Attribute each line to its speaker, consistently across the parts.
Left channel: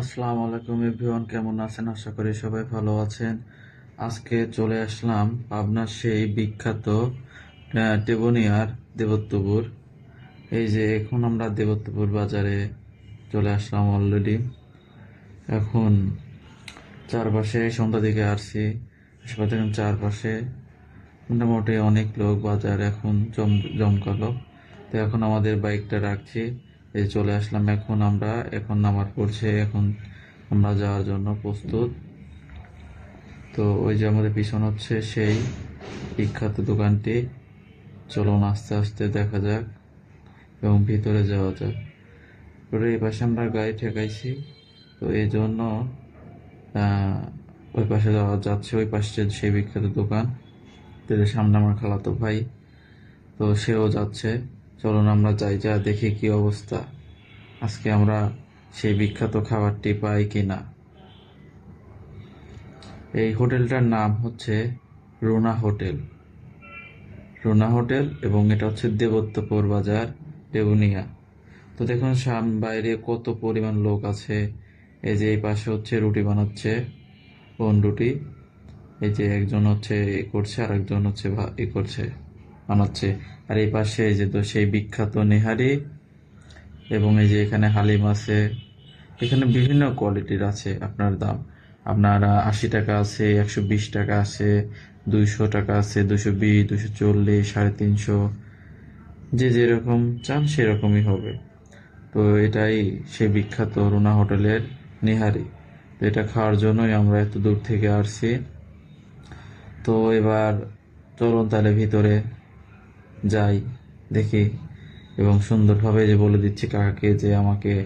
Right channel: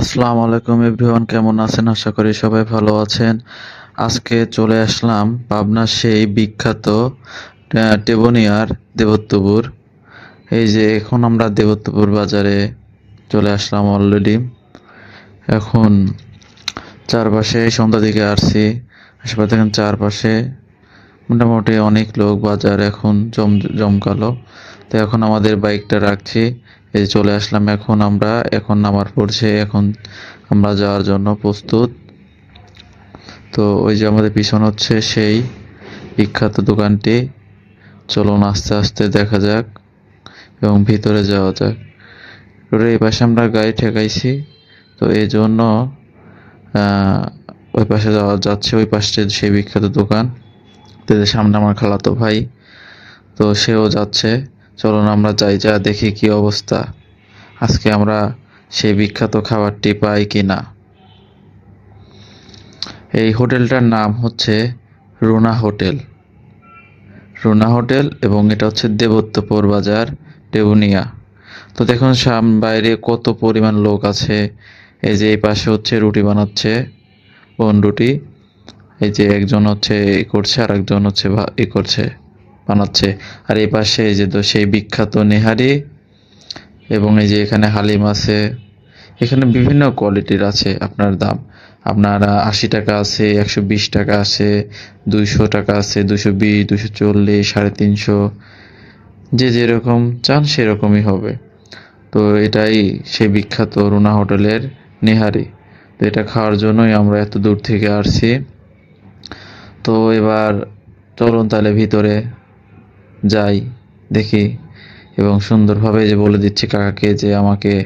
Speaker 1: আসসালামু আলাইকুম এভরিওয়ান, কেমন আছেন? আশা করি সবাই ভালো আছেন। আজকে চলে আসলাম পাবনার সেই বিখ্যাত টেবনিয়ার দেবত্বপুর। এই যে এখন আমরা দেবত্বপুর বাজারে চলে আসলাম অলরেডি এখন চারপাশে সন্ধ্যা দিকে আসছি। আশেপাশে দেখেন চারপাশে মোটামুটি অনেক লোক বাজার এখন জম, জমকালো। তো এখন আমাদের বাইকটা রাখছি। এই চলে আসলাম এখন আমরা। এখন নামার পড়ছে, এখন আমরা যাওয়ার জন্য প্রস্তুত। তো ওই যে আমাদের পিছন হচ্ছে সেই বিখ্যাত দোকানটি। চলুন আস্তে আস্তে দেখা যাক এবং ভিতরে যাওয়া যাক। এবারে এই পাশে আমরা গাড়ি ঠেকাইছি। তো এই জন্য ওই পাশে যাওয়া যাচ্ছে, ওই পাশে সেই বিখ্যাত দোকান। সামনে আমার খালাতো ভাই, তো সেও যাচ্ছে। চলুন আমরা যাই, যা দেখি কি অবস্থা। আজকে আমরা সেই বিখ্যাত খাবারটি পাই কি না এই হোটেলটার নাম হচ্ছে রুনা হোটেল। রুনা হোটেল এবং এটা হচ্ছে দেবত্বপুর বাজার, দেবুনিয়া। তো দেখুন, সাম, বাইরে কত পরিমাণ লোক আছে। এই যে এই পাশে হচ্ছে রুটি বানাচ্ছে বন রুটি এই যে একজন হচ্ছে এ করছে আর একজন হচ্ছে ই করছে। বানাচ্ছে। আর এই পাশে এই যে তো সেই বিখ্যাত নেহারি এবং এই যে এখানে হালিম আছে। এখানে বিভিন্ন কোয়ালিটির আছে আপনার দাম। আপনার আশি টাকা আছে, একশো বিশ টাকা আছে, দুইশো টাকা আছে দুশো বিশ দুশো চল্লিশ, সাড়ে তিনশো। যে যেরকম চান সেরকমই হবে। তো এটাই সেই বিখ্যাত রুনা হোটেলের নেহারি। তো এটা খাওয়ার জন্যই আমরা এত দূর থেকে আসছি। তো এবার চলুন তাহলে ভিতরে। যাই, দেখি। এবং সুন্দরভাবে যে বলে দিচ্ছি কাকাকে যে আমাকে,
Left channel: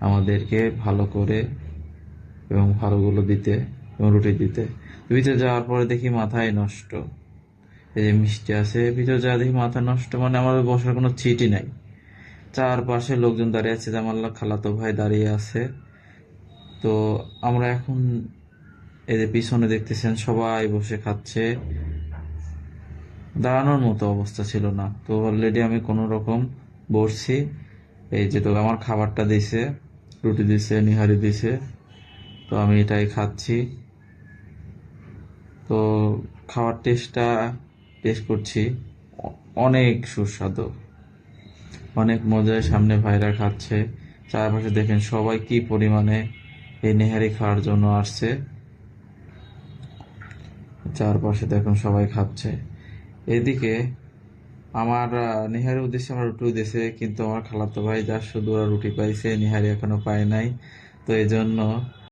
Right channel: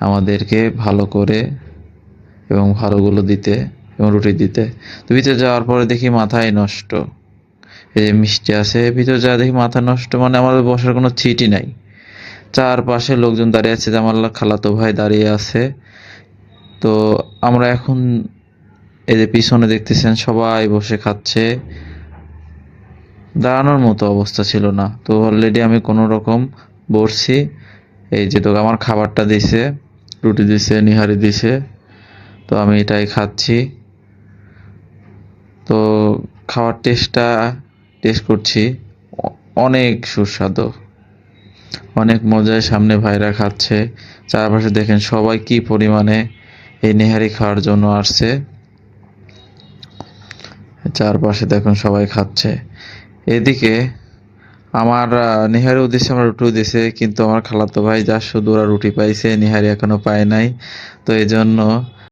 Speaker 1: আমাদেরকে ভালো করে এবং ভালোগুলো দিতে এবং রুটি দিতে। তো ভিতরে যাওয়ার পরে দেখি মাথায় নষ্ট। এই যে মিষ্টি আছে, ভিতরে যা দেখি মাথা নষ্ট মানে আমাদের বসার কোনো সিটই নাই। চারপাশে লোকজন দাঁড়িয়ে আছে আমার খালাতো ভাই দাঁড়িয়ে আছে। তো আমরা এখন এই যে পিছনে দেখতেছেন সবাই বসে খাচ্ছে। দাঁড়ানোর মতো অবস্থা ছিল না। তো অলরেডি আমি কোনো রকম বসছি। এই যে তো আমার খাবারটা দিছে, রুটি দিছে, নিহারি দিছে, তো আমি এটাই খাচ্ছি। তো খাওয়ার টেস্টটা, টেস্ট করছি। অনেক সুস্বাদু। অনেক মজায় সামনে ভাইরা খাচ্ছে। চারপাশে দেখেন সবাই কি পরিমাণে এই নেহারি খাওয়ার জন্য আসছে। চারপাশে দেখুন সবাই খাচ্ছে। এদিকে আমার নিহারি উদ্দেশ্যে আমার রুটি দিছে কিন্তু আমার খালাতো ভাই যা শুধু ওরা রুটি পাইছে, নিহারি এখনও পায় নাই। তো এই জন্য